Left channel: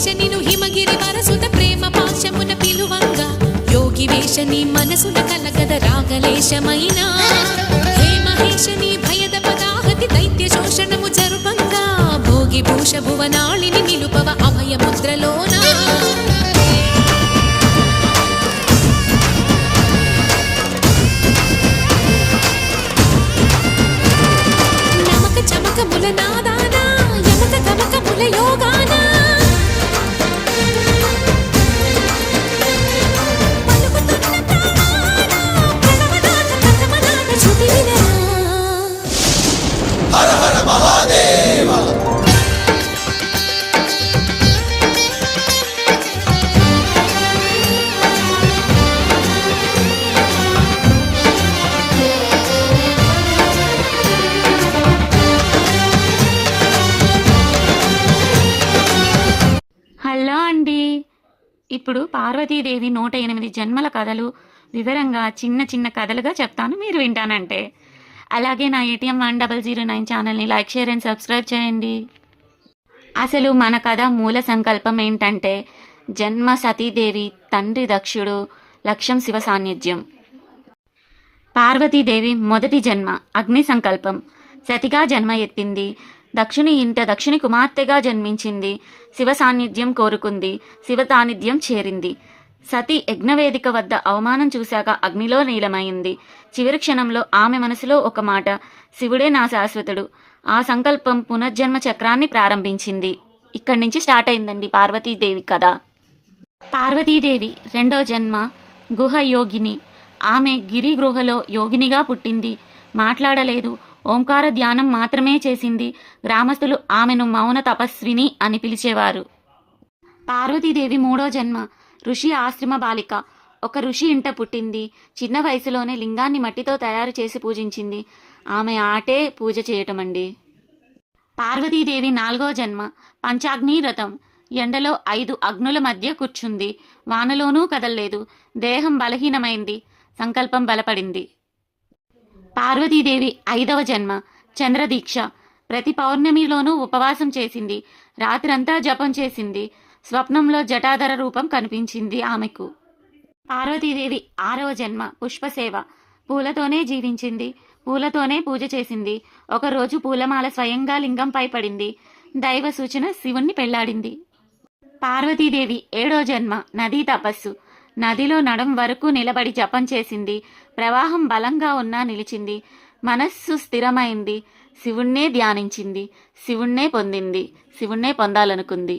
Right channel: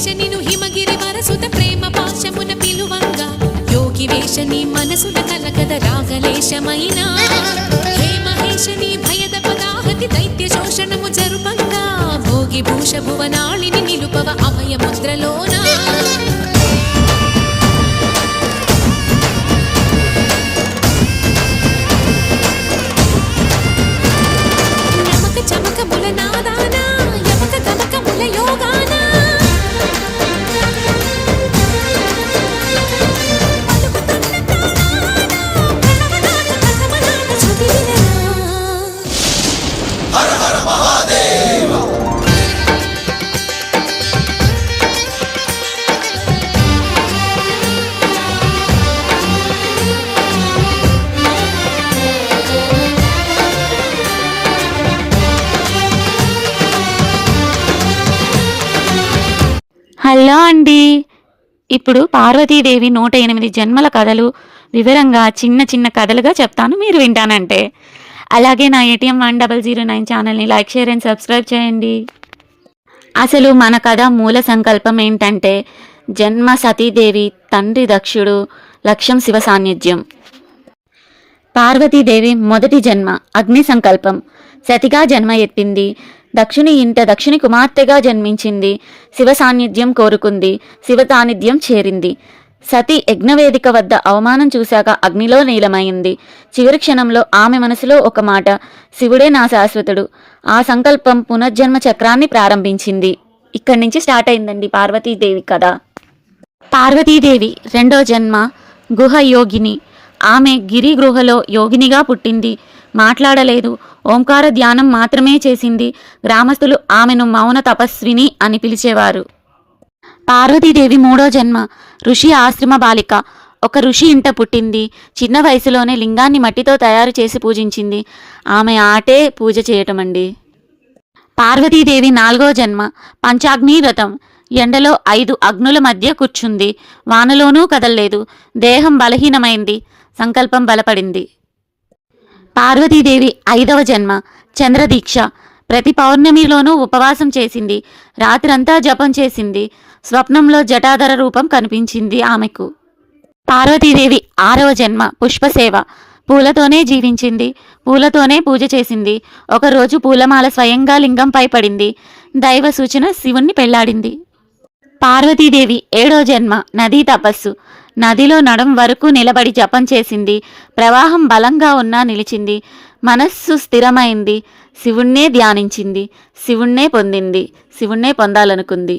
వేష నిను హిమగిరి వరసుత ప్రేమ పాశమున పిలువంగా యోగి వేష నీ మనసున కలకద రాగలేశమైనా హే మహేష నీ భయద పదాహతి దైత్య శోషణము జరుపంగా భోగి భూష భువనాళిని నిలుపవ అభయ ముద్రలోనా నమక చమకముల నాదానా యమక గమకముల యోగానా పలుకుతున్న ప్రాణాన ప్రణవనాథ కథమనాథ శృతి వినరా హర హర మహాదేవ హలో అండి. ఇప్పుడు పార్వతీదేవి 108 జన్మల కథలు వివరంగా చిన్న చిన్న కథలుగా చెప్తాను, మీరు వింటానంటే. అలాగే నా ATM 1009 ఛానల్ని లైక్, షేర్ అండ్ సబ్స్క్రైబ్ చేయండి. అసలు మన కథ మూల సంకల్పం ఏంటంటే జన్మ సతీదేవి, తండ్రి దక్షుడు, లక్ష్యం శివ సాన్నిధ్యం. పార్వతీదేవి మొదటి జన్మ అగ్ని సంకల్పం. సతిగా జన్మ ఎత్తింది. దక్షుని ఇంట దక్షుని కుమార్తెగా జన్మించింది. శివ సాన్నిధ్యం కోరుకుంది. శివ సాన్నిధ్యం చేరింది. సతి యజ్ఞవేదిక వద్ద అవమానం చూశాక అగ్నిలో నీలమైంది. చివరి క్షణంలో ఆమె మనసులో ఒక మాట, శివుడే నా శాశ్వతుడు. ఆ సంకల్పం పునర్జన్మ చక్రాన్ని ప్రారంభించింది. ఇక్కడి నుంచి స్టార్ట్ అయిందండి పార్వతీదేవి కథ. పార్వతీదేవి రెండో జన్మ గుహ యోగిని. ఆమె గిరి గృహలో యోగినిగా పుట్టింది. మాట్లాడలేదు, ఓంకార ధ్యానం మాత్రమే చేసింది. గ్రామస్తులు ఆమెను మౌన తపస్విని అని పిలిచేవారు. పార్వతీదేవి మూడో జన్మ ఋషి ఆశ్రమ బాలిక. ఒక ఋషి ఇంట పుట్టింది. చిన్న వయసులోనే లింగాన్ని మట్టితో తయారు చేసి పూజించింది. ఆమె ఆటే పూజ చేయటం అండి. పార్వతీదేవి నాలుగో జన్మ పంచాగ్ని వ్రతం. ఎండలో 5 అగ్నుల మధ్య కూర్చుంది. వానలోనూ కదల్లేదు. దేహం బలహీనమైంది. సంకల్పం బలపడింది. పార్వతీదేవి ఐదవ జన్మ చంద్రదీక్ష. ప్రతి పౌర్ణమిలోనూ ఉపవాసం చేసింది. రాత్రంతా జపం చేసింది. స్వప్నంలో జటాధర రూపం కనిపించింది ఆమెకు. పార్వతీదేవి ఆరవ జన్మ పుష్పసేవ. పూలతోనే జీవించింది. పూలతోనే పూజ చేసింది. ఒకరోజు పూలమాల స్వయంగా లింగంపై పడింది. దైవ సూచన శివుణ్ణి పెళ్లాడింది. పార్వతీదేవి ఏడో జన్మ నదీ తపస్సు. నదిలో నడం వరకు నిలబడి జపం చేసింది. ప్రవాహం బలంగా ఉన్నా నిలిచింది. మనస్సు స్థిరమైంది. శివుణ్ణే ధ్యానించింది. శివుణ్ణే పొందింది. శివుణ్ణే పొందాలనుకుంది.